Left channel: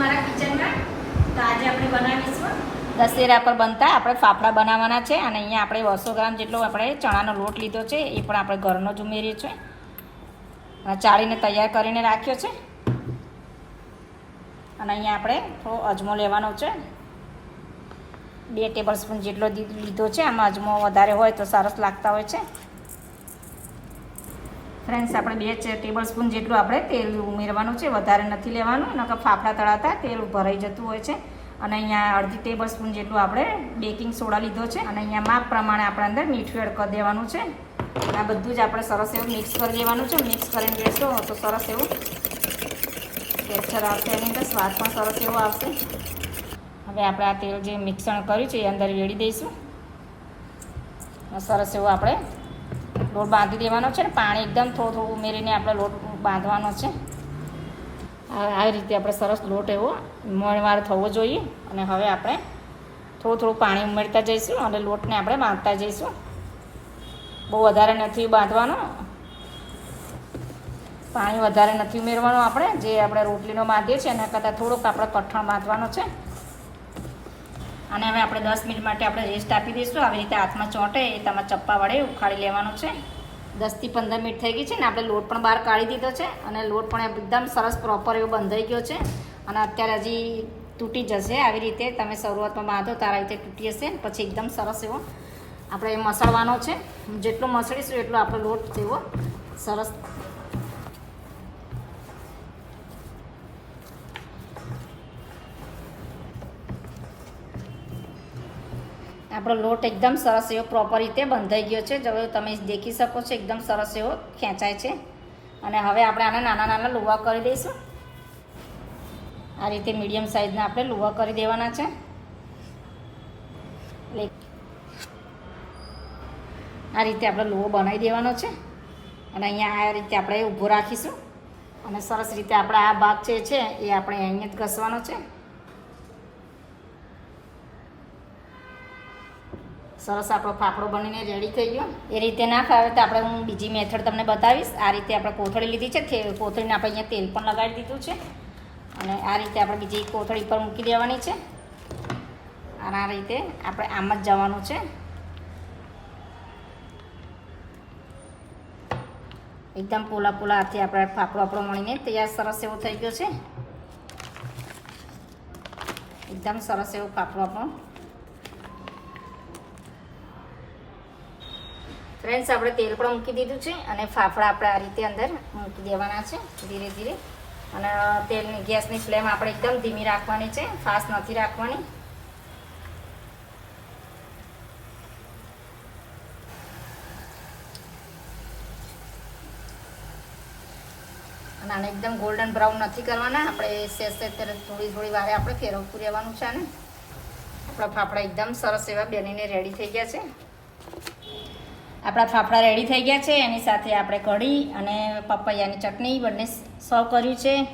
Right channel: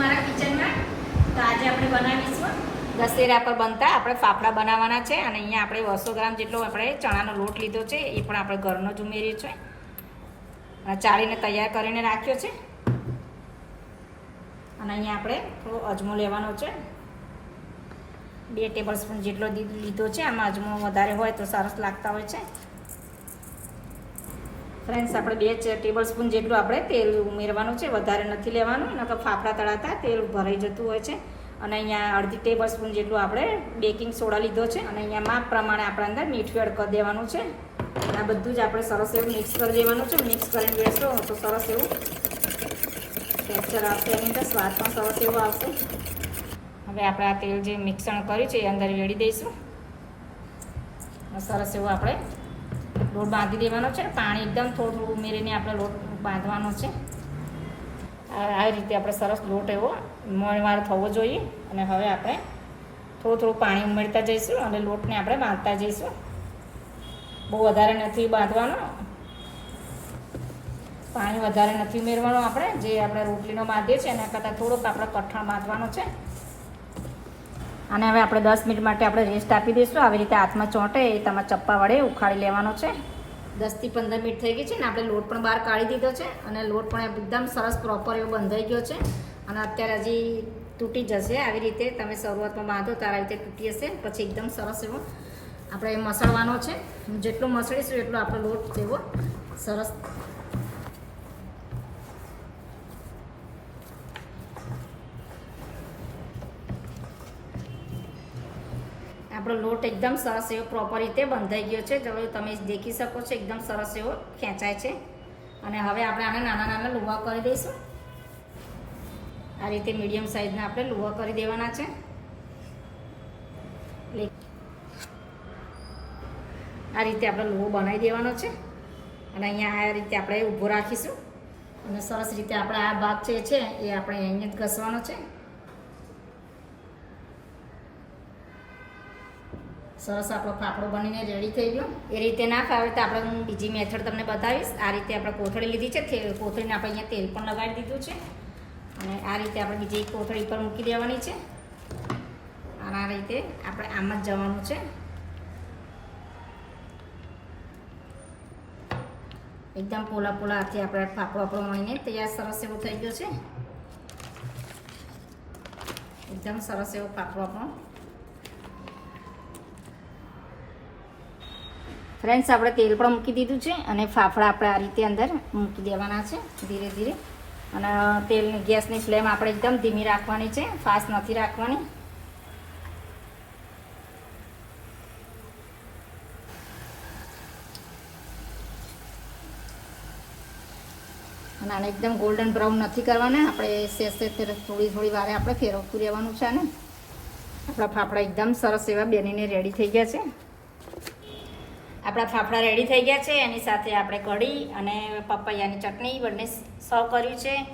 મારા કિચનમાં. તો આજે આપણે બનાવીશું. દશેરા પર બનતા આપણે ફાફડા બનાવવાના છે અને અહીંયા આપણે બસો ગ્રામ જેટલો આપણે ચણાનો લોટ લીધો છે, એ પણ આપણે ઘરનો જ ઉમેરીએ છીએ. ચાળીને તૈયાર કરીને રાખ્યો છે. અને અહીંયા આપણે થોડો અજમો લેવાનો છે. બે ટેબલ સ્પૂન જેટલો લીધો છે. આમાં અજમો વધારે હોય તો સરસ લાગતા હોય છે. ફ્રેન્ડ્સ આપણે બે ટેબલ સ્પૂન જેટલું આપણે તેલ ઉમેરવાનું છે, વધારે નથી લેવાનું, નકર ફાફડા તળાતા તેલ ભરાઈ જતું હોય છે. અને અહીંયા અડધી ટેબલ સ્પૂન જેટલું આપણે બેકિંગ સોડા લીધો છે, અને અહીંયા માપ પ્રમાણે આપણે અંદર મીઠું એડ કરી દેવાનું છે. આ બધું જ આપણે સરસ એવું મિક્સ કરી દેવાનું છે. મિક્સ કરીને દેશો તો સરસ એવું ટેક્સચર આવશે એની અંદર, સ્વાદ પણ સરસ એવો આવશે. હવે આપણે આ તેલ જે મિક્સણ કર્યું છે, એ અંદર વેળી દઈશું. સરસ એવું આપણે લોટ બાંધી દેવાનો છે. પાણી એકદમ થોડું થોડું ઉમેરીને આપણે લોટ બાંધવાનો છે. આ આ રીતે આપણે સરસ લોટ એવો મણવાર થવો જોઈએ. અને હવે આપણે થોડું થોડું પાણી ઉમેરતા જઈશું અને લોટને આપણે બાંધતા જઈશું. બહુ વધારે નથી બાંધવાનો. પાણી વધારે નથી ઉમેરવાનું આપણે. જે આપણે રોટલીનો બાંધીએ છીએ એના કરતાં થોડુંક આપણે કઠણ બાંધવાનો છે. અને હવે આપણે દસ મિનિટ માટે આપણે રેસ્ટ આપી દઈશું. આવી રીતે હાથમાં ચોંટે, એ તમારે ચપ્પા વડે ઉખાડી લેવાનો છે. દસથી પંદર મિનિટ થઈ ગઈ છે ને આપણે લોટ પણ બહાર કાઢી દીધો છે અને લોટ પણ એકદમ સરસ પ્રોપર એવો બંધાઈ ગયો છે. અને અત્યારે હજી તૂટી જશે આવી રીતે. તમે શરૂઆતમાં બાંધો, તારા રીતે તૂટી જશે પછી એકદમ સરસ એવો આપણે મસળવાનો છે. જેટલો મસળીશું એટલો આપણો લોટ જેવો સરસ આપણો લોટ એકદમ સરસ એવો પ્રોપર રીતે બંધાઈ ગયો છે. હવે તમે દેખી શકો છો, એકદમ સરસ એવો ખેંચાય છે. અને હવે આપણે આને નાના નાના લુવા કરી દઈશું. આ રીતે મીડિયમ સાઇઝના આપણે લુવા કરી દેવાના છે. આ રીતે આપણે લુવો બનાવી દેવાનો છે. અને અહીંયા આ રીતે આપણે ઊભું રાખીશું. અને સરસ રીતે આપણે આ ભાગ છે, એ આપણે અહીંયા જ ઘસવાનો છે. સરસ આપણો ફાફડો બનીને રેડી થઈ ગયો. એ રીતે ના ફાવે તો આપણે હું બીજી મેથડ તમને બતાવીશ. આ રીતે આપણે કોથળી લીધી છે. કોથળીને આપણે અહીંયા તેલ પણ લગાડી દીધું છે. અને આ રીતે આપણે બીજી કોથળી પર મૂકી દેવાની છે. અને આ રીતે આપણે આમ જ જવાનું છે. એકદમ પોલા પોલા હાથે આપણે ફાફડો આપણો મળીને તૈયાર સરસ એવો થઈ ગયો છે. એકદમ સરસ એવો ફાફડો આપણો ફ્રેન્ડ્સ, આપણે તેલ પણ મૂકી દીધું છે અને ફાફડા આપણે આ રીતે અંદર મૂકી દેવાના છે ધીરે ધીરે. અને તેલ ગેસની ફ્લેમ આપણે એકદમ ધીમી રાખવાની છે, ફાસ્ટ નથી રાખવાની. અને આને એકદમ ગોલ્ડન બ્રાઉન નથી કરવાના, આપણે સેજ થોડી થોડી વારે આપણે ફેરવતું રહેવાનું છે ને આપણા ફાફડા એકદમ સરસ એવા બેનીને રેડી થઈ ગયા છે. આપણા ફાફડા રેડી થઈ ગયા છે. એની સાથે આપણે કઢી અને પપૈયાની ચટણી બંને સર્વ કર્યું છે.